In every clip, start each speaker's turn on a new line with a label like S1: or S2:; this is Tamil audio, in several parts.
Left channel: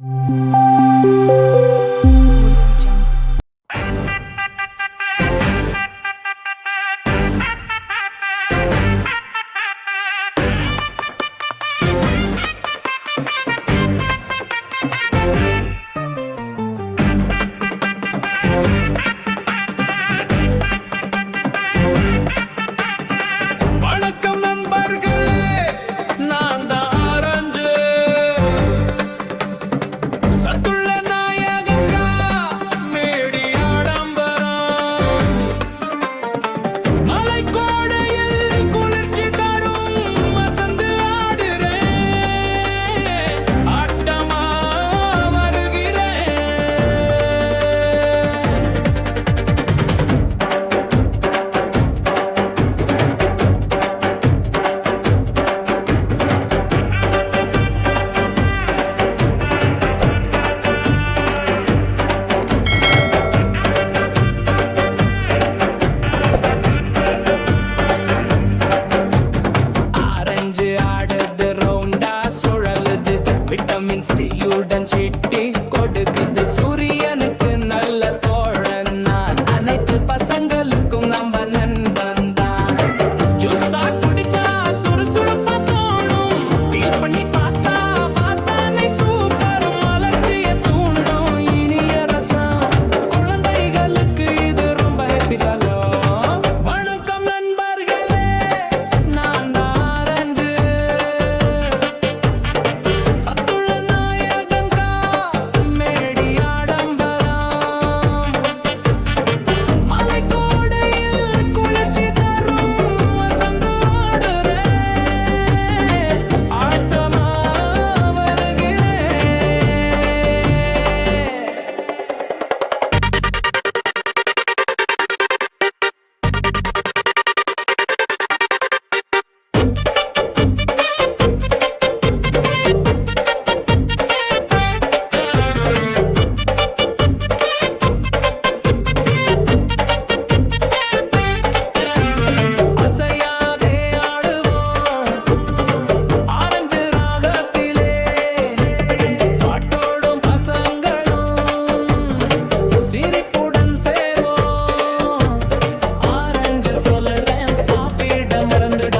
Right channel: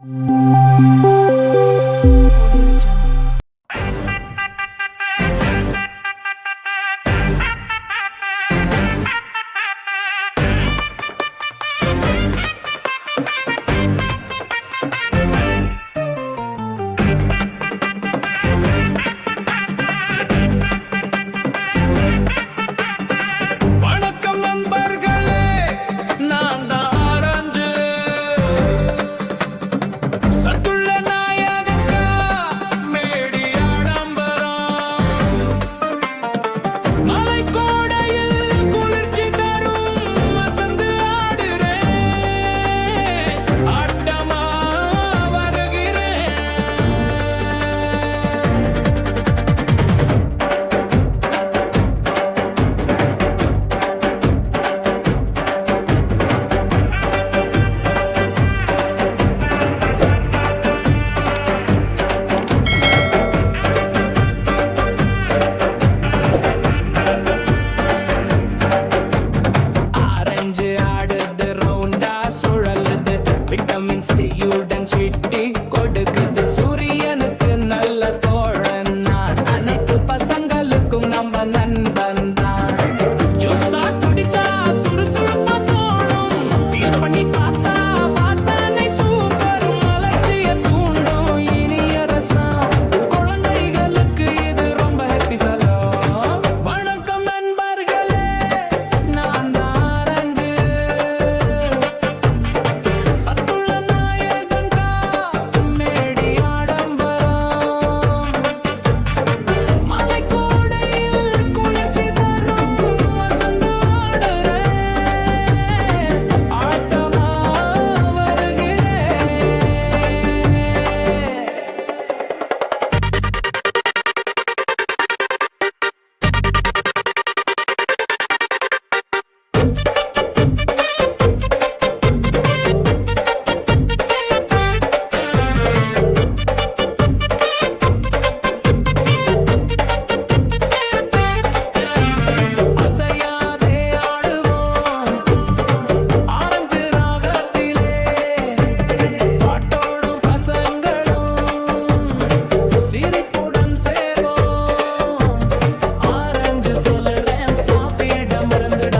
S1: Mm-hmm. நெஞ்சு ஆடுது ரவுண்டா சுழலுது. விட்டமின் சியுடன் சிட்டி கொடுக்குது. சூரியனுக்கு நல்ல தோழன் நான். அனைத்து பசங்களுக்கும் நம்ம நண்பன் தான். ஜூஸா குடிச்சா சுறுசுறுப்பா தோணும். ஃபீல் பண்ணி பார்த்தா வாசனை சூப்பர் மலர்ச்சிய தூண்டும் இனிய ரசம். குழந்தைகளுக்கு இது ரொம்ப ஹெப்பி சலோ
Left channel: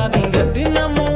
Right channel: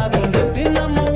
S1: அதிங்கத்து நம்ம